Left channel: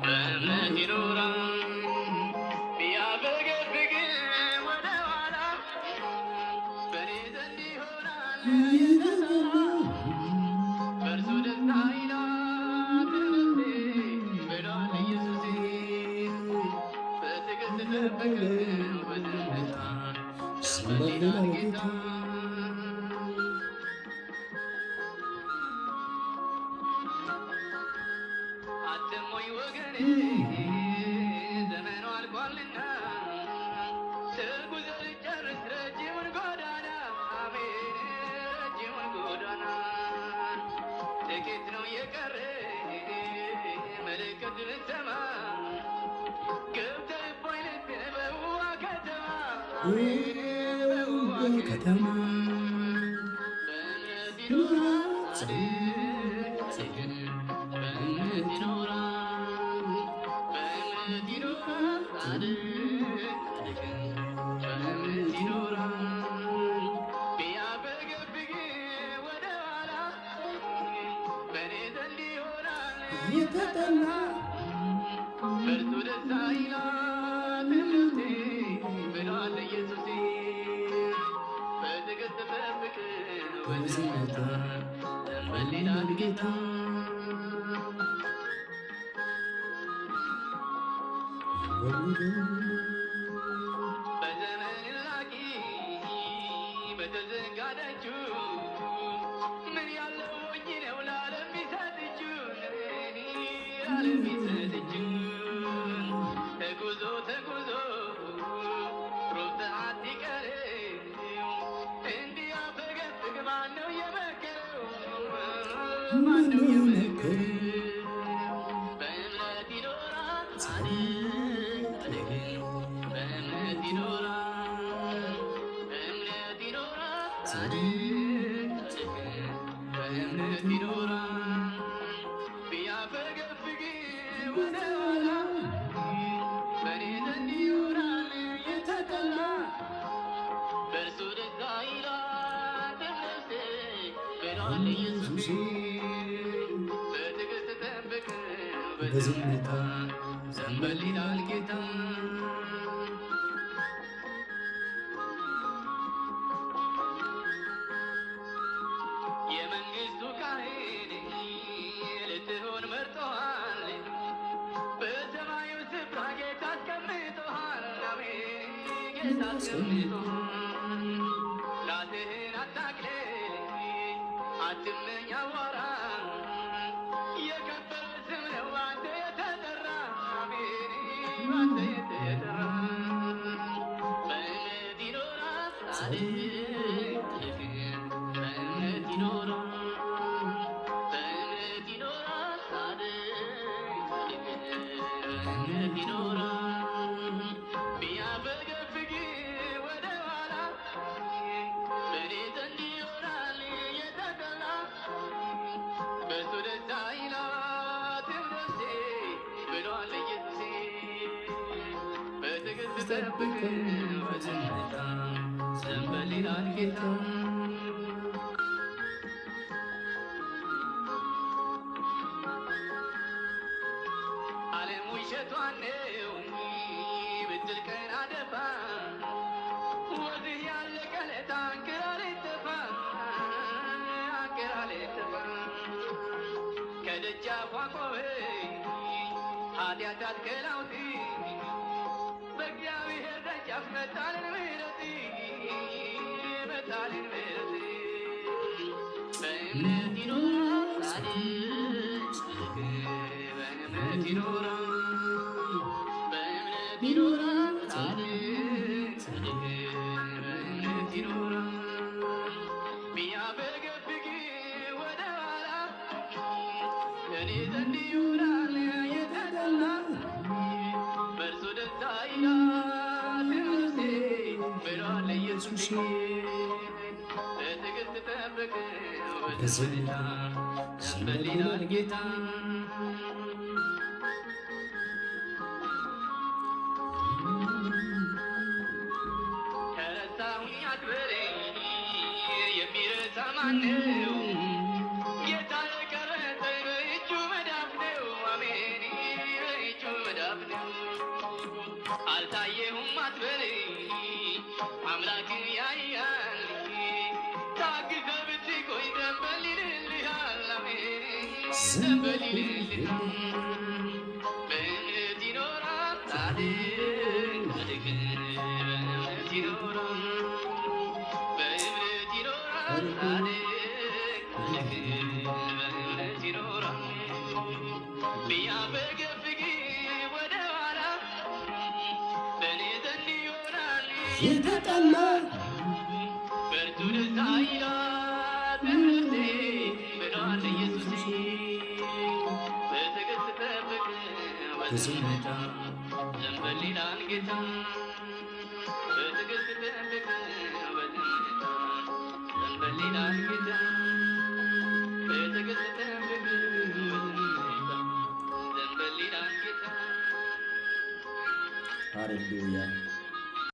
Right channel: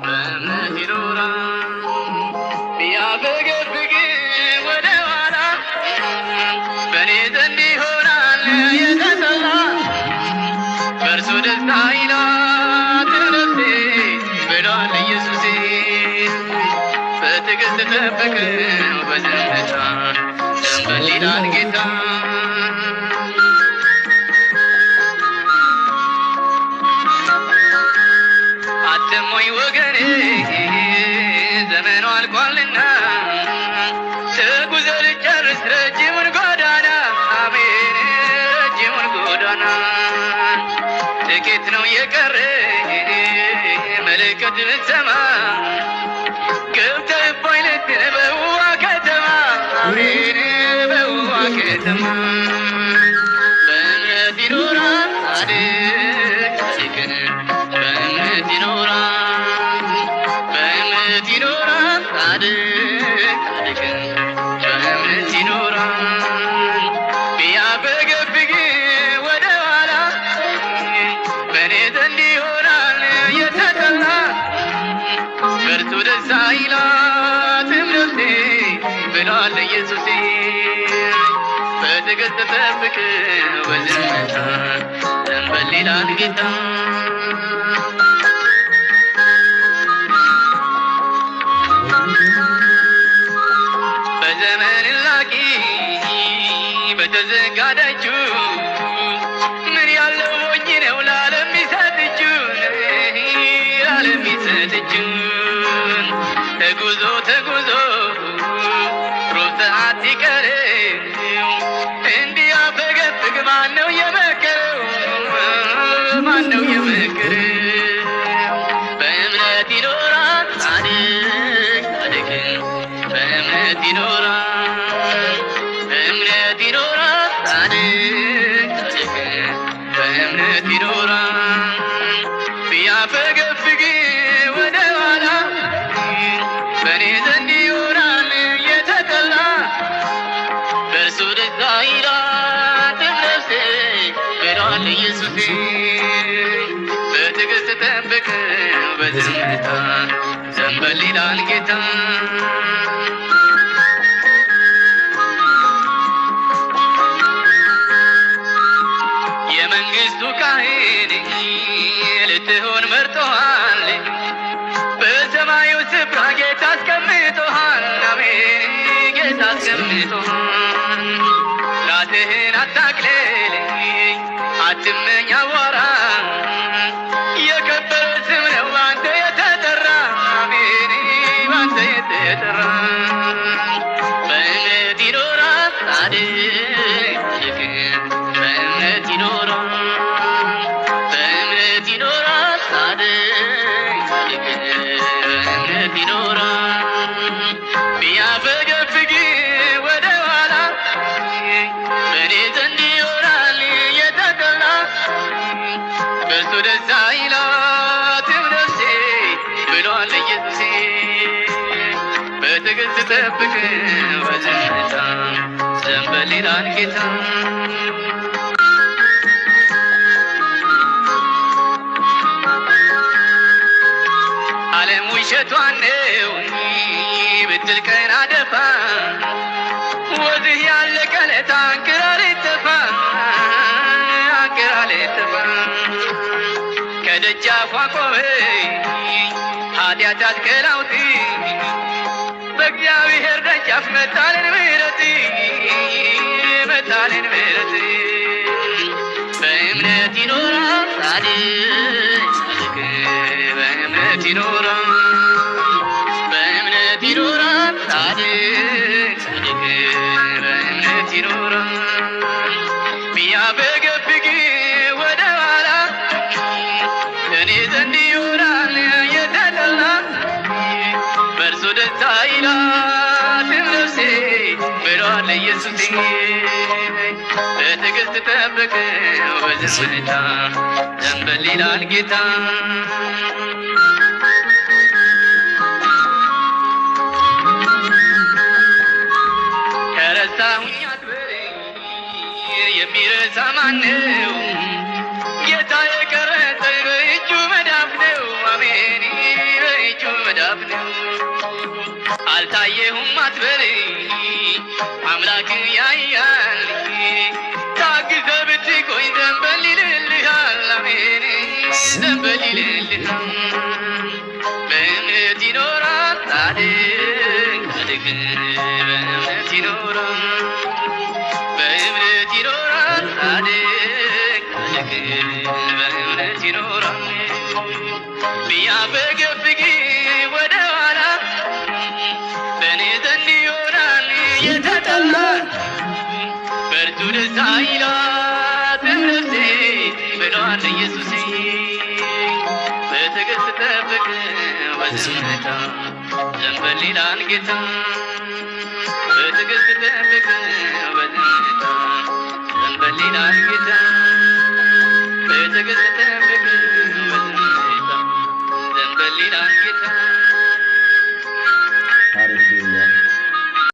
በእምነት ይኖራል ቢያፈገፍግ ወደ ኋላ በእኔ ዘንድ ይሆናል የተጠላ በእርሱ ደስታ ይላት ነፍሴ ብሏል ኢየሱሴ በትዕግስት ጠብቀው በዝምታ ዘንበል ይላል ጌታ አትሞኝ ወገኔ ዘመኑ አልቋልና ተጉዘህ ልጨርስ ረጅሙን ጎዳና አሜን ረጅሙን ጎዳና ጥቂት ነው የቀረ መለከት ብትሰማ ገብተህ እፎይ ልትል በውዋ ከተማ አሜን በውዋ ከተማ በእምነት ይኖራል ጻድቅ ጻድቅን በእምነት ይኖራል በእምነት ይኖራል ጻድቅ ጻድቅን በእምነት ይኖራል ቢያፈገፍግ ወደ ኋላ በእኔ ዘንድ ይሆናል የተጠላ በእርሱ ደስ አይላትም ነፍሴ ብሏል ኢየሱሴ በትዕግስት ጠብቅ በዝምታ ዘንበል ይላል ጌታ በዘመን ላቂ በተዘጋ ደጁ ምን ያለው ሞኝ ነው ለዓለም ሚሰጥ እጁን ለዓለም ሚሰጥ እጁን ተጉዞ ተጉዞ ሩብ ሰዓት ሲቀር እንዲያፈገፍግ ማነው የመከረው ማነው የመከረው በእምነት ይኖራል ጻድቅ ጻድቅን በእምነት ይኖራል በእምነት ይኖራል ጻድቅ ጻድቅን በእምነት ይኖራል ቢያፈገፍግ ወደ ኋላ በእኔ ዘንድ ይሆናል የተጠላ በእርሱ ደስ አይላትም ነፍሴ ብሏል ኢየሱሴ በትዕግስት ጠብቅ በዝምታ ዘንበል ይላል ጌታ የመንግሥቱ ካህን ልትሆን መርጦሃል በሰማዩ ስፍራ ጌታ አስቀምጦሃል አሜን ጌታ አስቀምጦሃል ራስህን አታቅልል አትመኝ አዋራ የከበረ ስም ነው ባንተ የተጠራ አሜን ባንተ የተጠራ በእምነት ይኖራል ጻድቅ ጻድቅን በእምነት ይኖራል በእምነት ይኖራል ጻድቅ ጻድቅን በእምነት ይኖራል ቢያፈገፍግ ወደ ኋላ በእኔ ዘንድ ይሆናል የተጠላ በእርሱ ደስ አይላትም ነፍሴ ብሏል ኢየሱሴ በትዕግስት ጠብቅ በዝምታ ዘንበል ይላል ጌታ ዓለም ውሸቷን ነው ብትል ቀን አደፋ ወዝህ ያለቀ ዕለት አንክራር ይጠፋ አንክራር ይጠፋ ከደጃፏ ቆመኝ ኃጢአት አትከላውጥ በእግዚአብሔር ደጃፍ መጣልን ምሕረት መጣልን ምሕረት በእምነት ይኖራል ጻድቅ ጻድቅ በእምነት ይኖራል በእምነት ይኖራል ጻድቅ ጻድቅ በእምነት ይኖራል ቢያፈገፍግ ወደ ኋላ እኔ ዘንድ ይሆናል የተጠላ በእርሱ ደስ አይላትም ነፍሴ ብሏል ኢየሱሴ በትዕግስት ጠብቅ በዝምታ ዘንበል ይላል ጌታ ከረሳሁኝ አትበለኝ የሚረሳ ማነው ጌታ የቀረጸኝ በእጁ ዘንበል ይልልሃል በእምነት ይኖራል ጻድቅ ጻድቅ በእምነት ይኖራል በእምነት ይኖራል ጻድቅ ጻድቅ በእምነት ይኖራል ቢያፈገፍግ ወደ ኋላ በእኔ ዘንድ ይሆናል የተጠላ በእርሱ ደስ አይላትም ነፍሴ ብሏል ኢየሱሴ በትዕግሥት ጠብቅ በዝምታ ዘንበል ይላል ጌታ በትዕግሥት ጠብቅ በዝምታ ዘንበል ይላል ጌታ በትዕግሥት ጠብቅ በዝምታ ዘንበል ይላል ጌታ ሃሌሉያ